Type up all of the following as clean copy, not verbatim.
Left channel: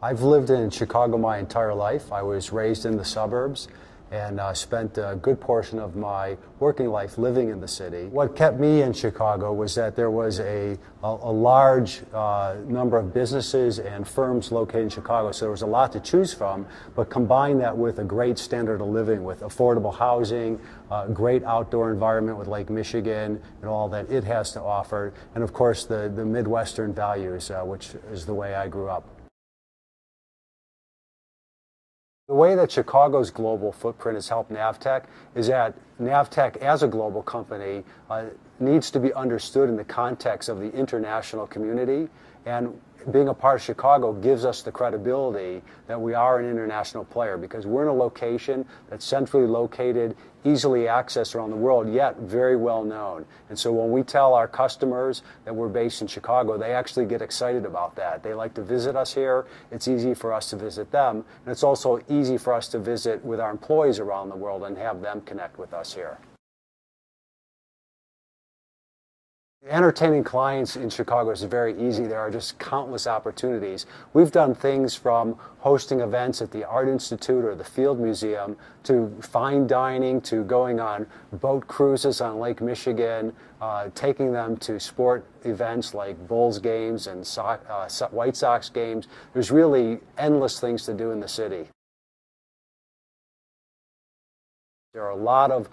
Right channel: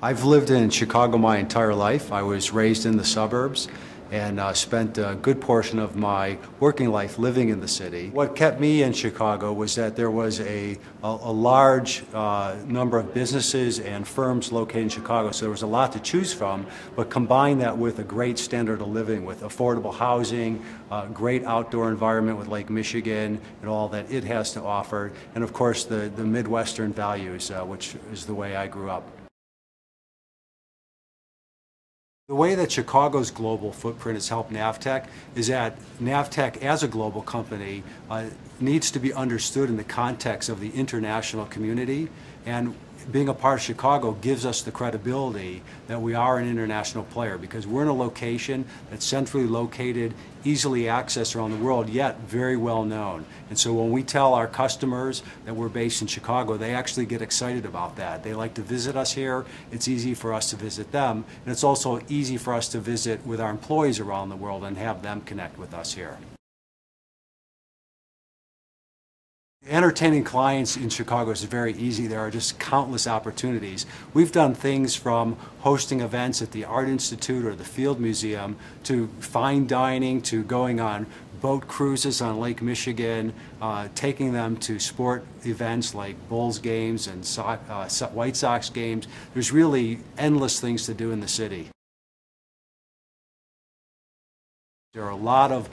I've lived in Chicago my entire life. I was raised in the suburbs and spent a good portion of my working life living in the city. What kept me in Chicago was that there was a large number of businesses and firms located in Chicago, so there was a lot to choose from, but combine that with a great standard of living, with affordable housing, a great outdoor environment with Lake Michigan and all that it has to offer, and of course the Midwestern values, which is the way I grew up. The way that Chicago's global footprint has helped NAVTEQ is that NAVTEQ, as a global company, needs to be understood in the context of the international community, and being a part of Chicago gives us the credibility that we are an international player because we're in a location that's centrally located, easily accessed around the world, yet very well known. And so when we tell our customers that we're based in Chicago, they actually get excited about that. They like to visit us here. It's easy for us to visit them, and it's also easy for us to visit with our employees around the world and have them connect with us here. Entertaining clients in Chicago is very easy. There are just countless opportunities. We've done things from hosting events at the Art Institute or the Field Museum to fine dining to going on boat cruises on Lake Michigan, taking them to sport events like Bulls games and White Sox games. There's really endless things to do in the city. There are a lot of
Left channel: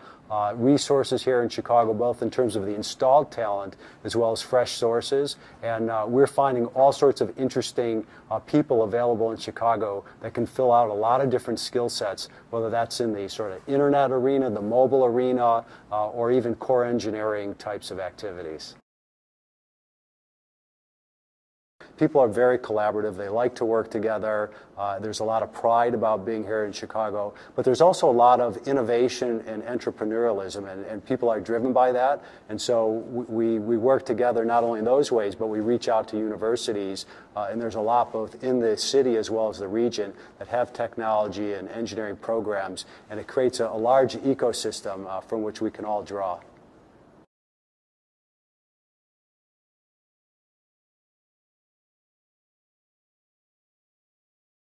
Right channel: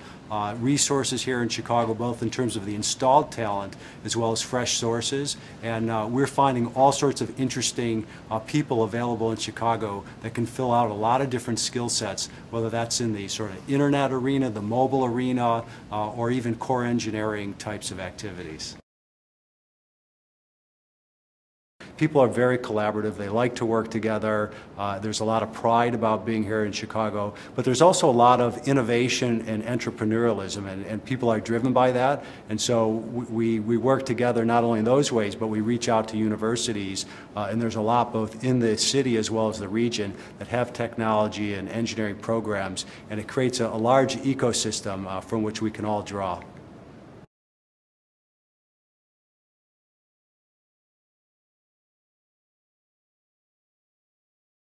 resources here in Chicago, both in terms of the installed talent as well as fresh sources, and we're finding all sorts of interesting people available in Chicago that can fill out a lot of different skill sets, whether that's in the sort of internet arena, the mobile arena, or even core engineering types of activities. People are very collaborative. They like to work together. There's a lot of pride about being here in Chicago, but there's also a lot of innovation and entrepreneurialism, and people are driven by that. And so we work together not only in those ways, but we reach out to universities, and there's a lot both in the city as well as the region that have technology and engineering programs, and it creates a large ecosystem from which we can all draw.